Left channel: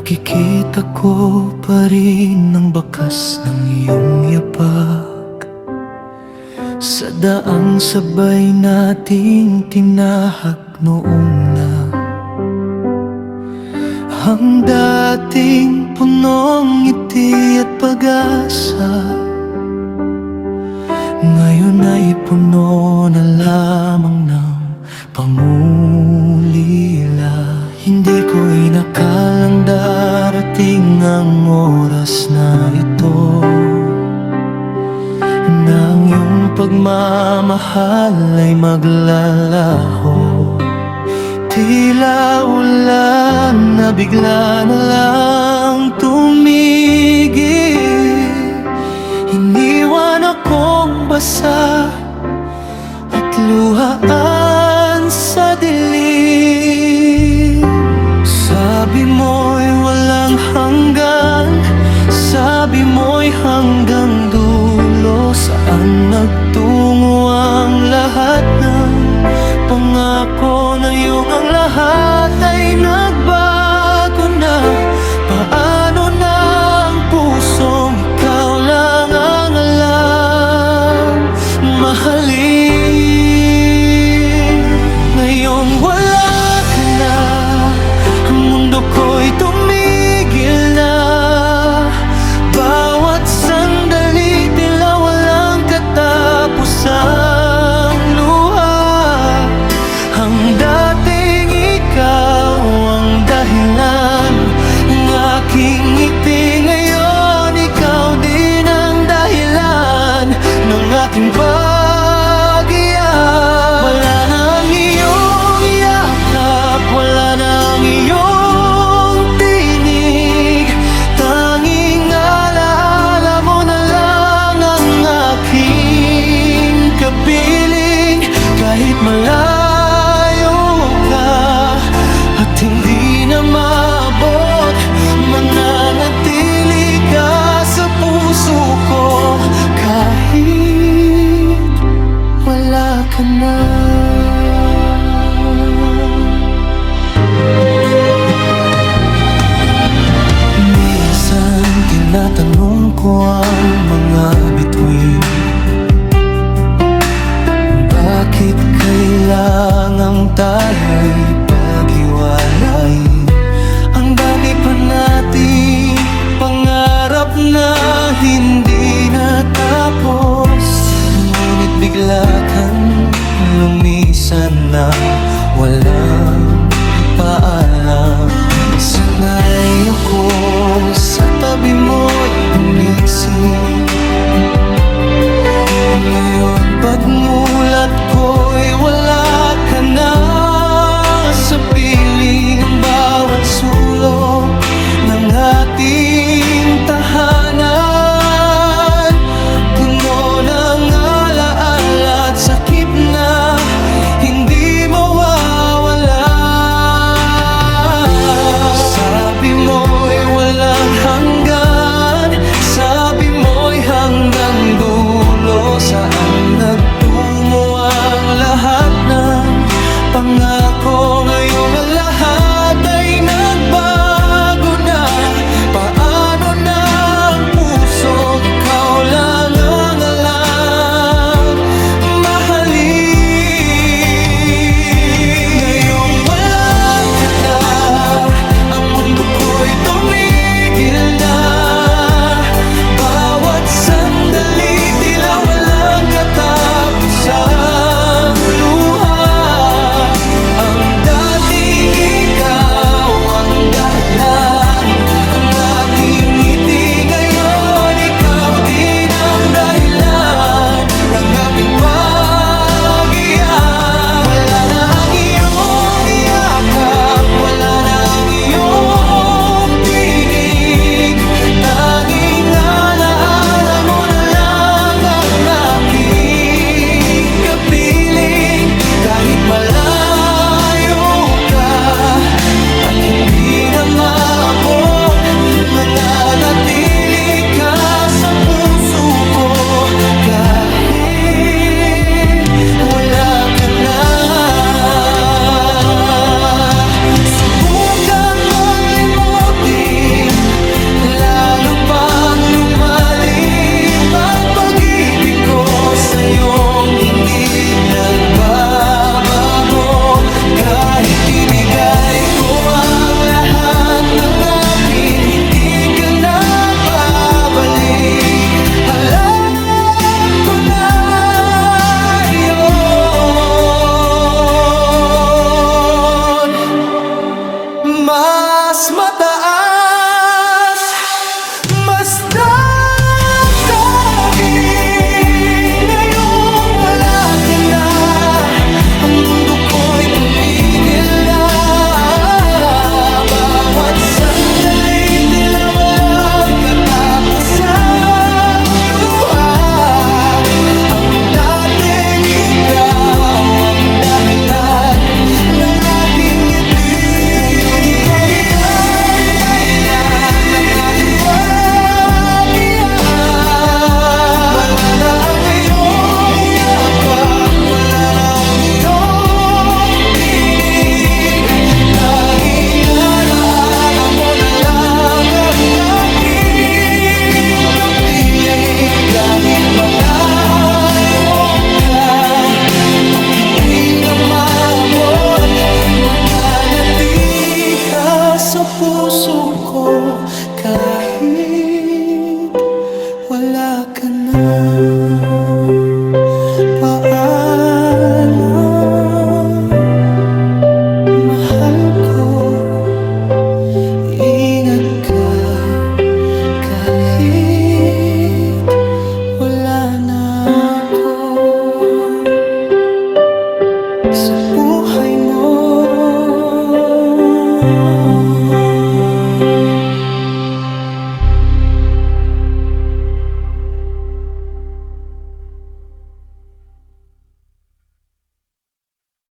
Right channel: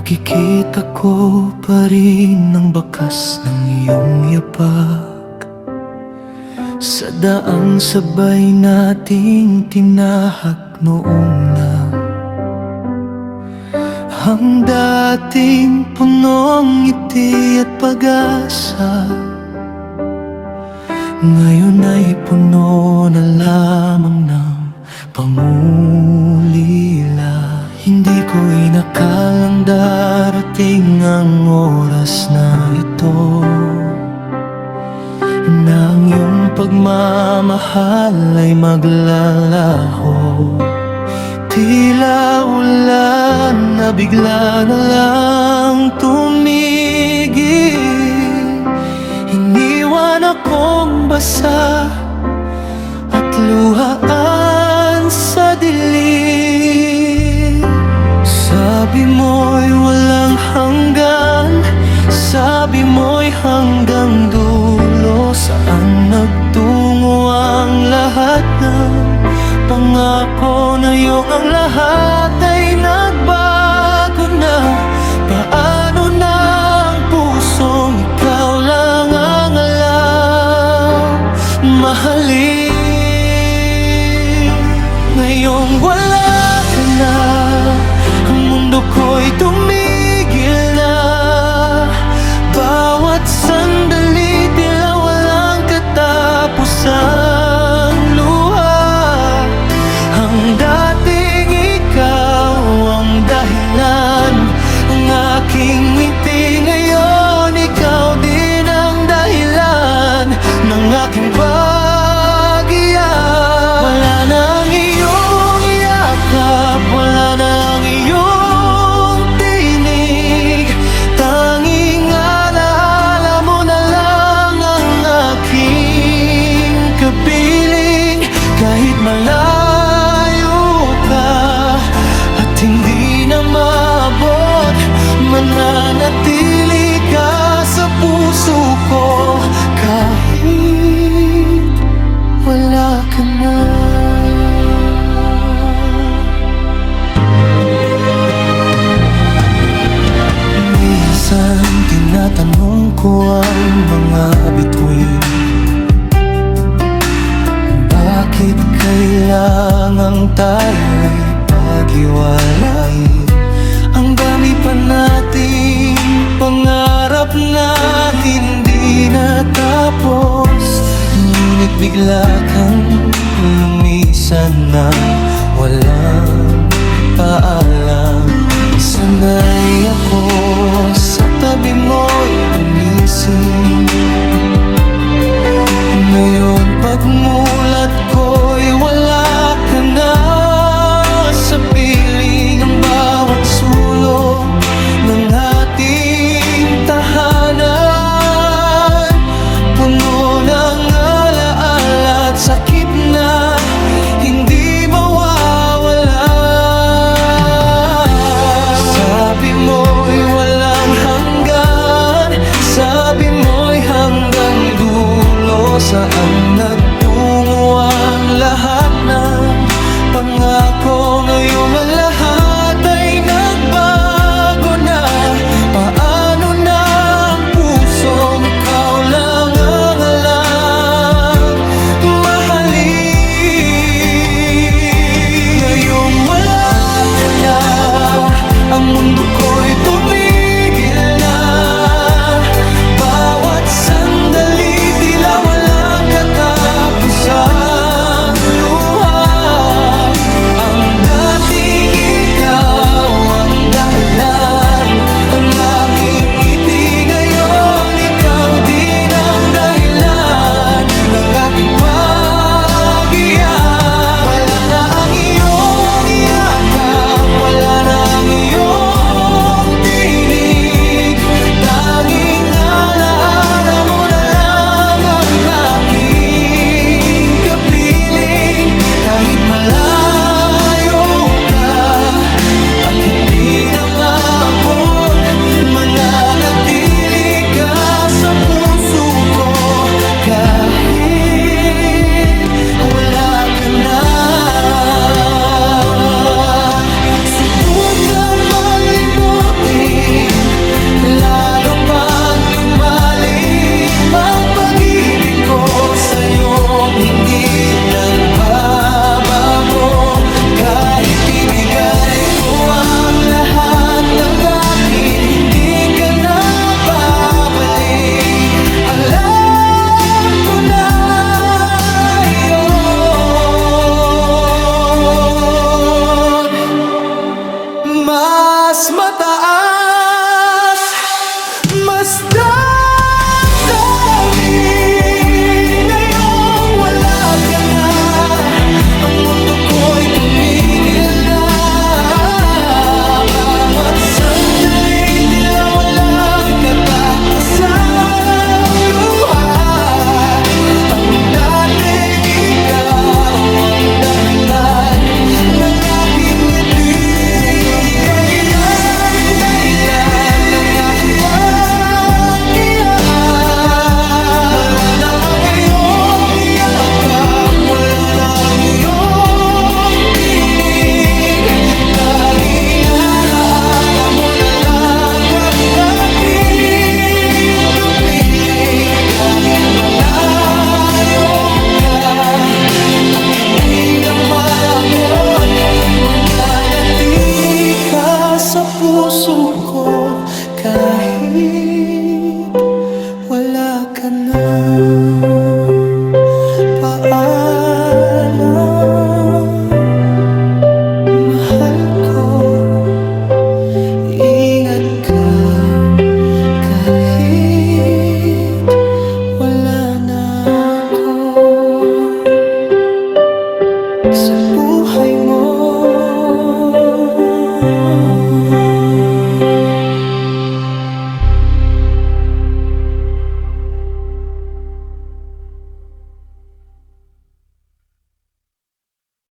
Nakikita ko pa rin ang bakas ng iyong yapak sa daang sabay nating tinahak noong na ang dating punong ngiti at pag-asa, ngayon ay puno na lamang ng pangulila. Hindi ko inakalang darating ang oras na ito, na ang iyong pagmamahal ay maglalaho. Tila ulan na bigla na lang tumigil, iniwan akong basa at luhaan sa dilim. Sabi mo'y walang hanggan, sabi mo'y hanggang dulo. Saan nagtungo ang lahat ng pangako na iyong ang lahat ay nagbago na? Paano na ang pusong ikaw lang ang alam mahalin? Ngayong wala ka na, ang mundo ko'y tumigil na. Bawat sandali tila walang katapusang luha. Ang dating ikaw ang dahilan ng aking ngiti, ngayon ikaw din ang dahilan ng aking pag-iyak. Wala na ang iyong yakap, wala na ang iyong tinig, tanging alaala mo na lang ang aking kapiling. Kahit malayo ka at hindi na maabot, mananatili ka sa puso ko kahit wala ka na. Minsan tinatanong ko ang mga bituin, bakit kailangang tayo'y paghiwalayin? Ang dami pa nating pangarap na hindi natapos, ngunit bigla kang lumisan na walang paalam. Sanay ako sa tabi mo'y gumising, ngayon pagmulat ko'y wala ka na sa piling. Ang bawat sulok ng ating tahanan puno ng alaala at sakit na hindi mawawala. Sabi mo'y walang hanggan, sabi mo'y hanggang dulo. Saan nagtungo ang lahat ng pangako? Ngayong ang lahat ay nagbago na. Paano na ang pusong ikaw lang ang alam mahalin? Ngayong wala ka na, ang mundo ko'y tumigil na. Bawat sandali tila walang katapusang luha. Ang dating ikaw ang dahilan ng aking ngiti, ngayon ikaw din ang dahilan ng aking pag-iyak. Wala na ang iyong yakap, wala na ang iyong tinig, ng akin, hindi ka na babalik. Alam ko na yun. Mas mataas, mas damdamin ngayong wala ka na. Ang mundo ko'y tumigil na. Bawat sandali tila walang katapusang luha. Ang dating ikaw ang dahilan ng aking ngiti. Ngayon ikaw din ang dahilan ng aking pag-iyak. Wala na ang iyong yakap, wala na ang iyong tinig. Tanging alaala mo na lang ang aking kapiling. Kahit malayo ka at hindi na maabot, mananatili ka sa puso ko kahit wala ka na. Paalam, mahal ko. Ingat ka kahit